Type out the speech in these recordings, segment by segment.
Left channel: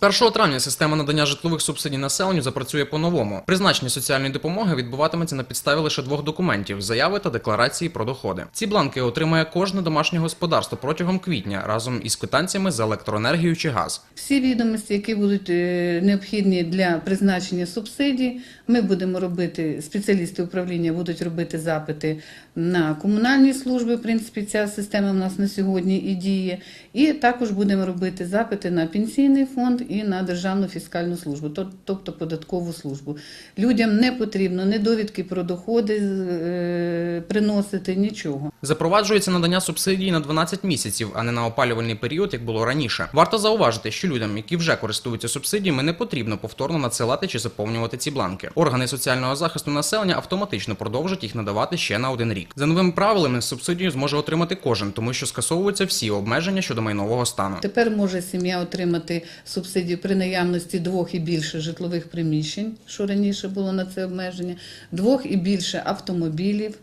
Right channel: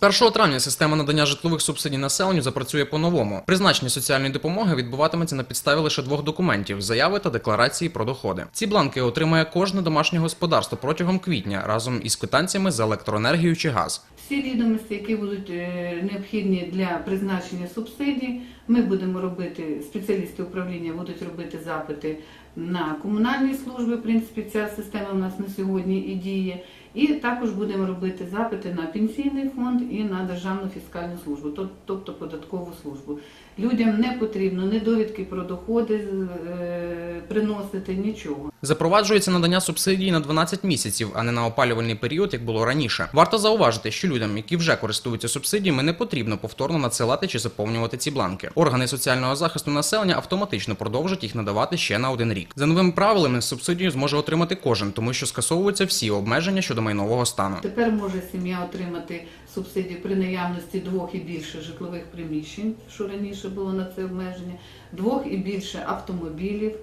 З 1 травня система надання житлових субсидій населенню запрацює по-новому. Призначення соціальної допомоги відбуватиметься на підставі лише двох документів: заяви та декларації про доходи. Ці бланки отримає кожне домашнє господарство протягом квітня разом із квитанціями за електроенергію чи газ. Всі відомості, які будуть е, необхідні для призначення субсидій, ми будемо робити, спеціалісти управління будуть робити запити на комунальні служби. В принципі, ця система у нас на сьогодні і діє. І також будемо робити запити на пенсійний фонд і на державну фіскальну службу, тобто податкову службу. Людям не потрібно ні довідки про доходи е, приносити, нічого. Запроваджується надання субсидій на 12 місяців, а не на опалювальний період, як було раніше. Варто зауважити, що людям, які вже користуються субсидіями, не потрібно повторно надсилати чи заповнювати ці бланки. Органи соціального захисту населення автоматично продовжать їх надавати ще на один рік. За новими правилами субсидію зможе отримати кожен, тому що скасовуються всі обмеження щодо майнового стану. Тепер може сім'я отримати субсидію при наявності двох і більше житлових приміщень, що раніше було на це обмеження, двох і більше автомобілів.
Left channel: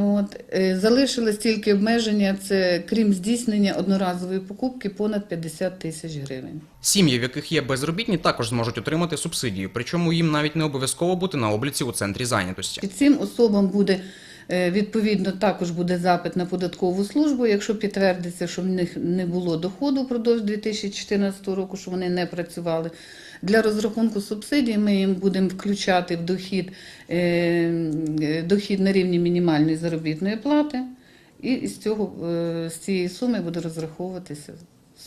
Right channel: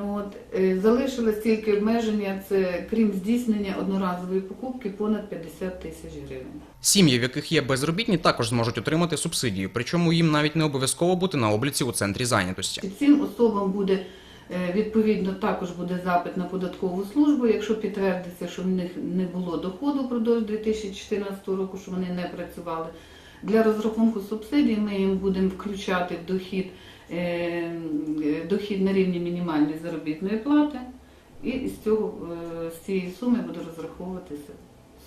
От. Е, Залишилось тільки обмеження, це крім здійснення одноразової покупки понад 50 тисяч гривень. Сім'ї, в яких є безробітні, також зможуть отримати субсидію, причому їм навіть не обов'язково бути на обліці у центрі зайнятості. Цим особам буде відповідно також буде запит на податкову службу, якщо підтвердиться, що в них не було доходу впродовж 2014 року, що вони не працювали. Для розрахунку субсидій ми їм будемо включати в дохід, е, е, дохід на рівні мінімальної заробітної плати, і з цього е, з цієї суми буде розраховуватися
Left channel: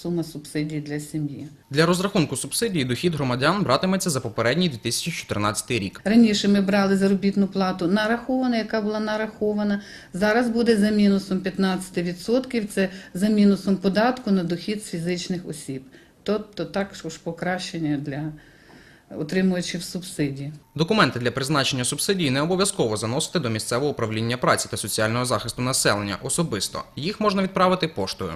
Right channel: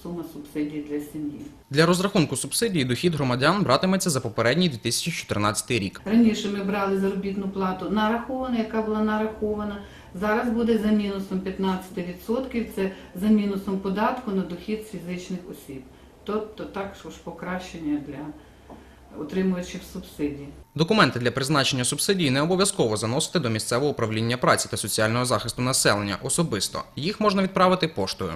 сума субсидій для сім'ї. Для розрахунку субсидії дохід громадян братиметься за попередній 2014 рік. Раніше ми брали заробітну плату нарахована, яка була нарахована. Зараз буде за мінусом 15%, це за мінусом податку на дохід з фізичних осіб. Тобто також покращення для отримувачів субсидій. Документи для призначення субсидії не обов'язково заносити до місцевого управління праці та соціального захисту населення особисто. Їх можна відправити поштою.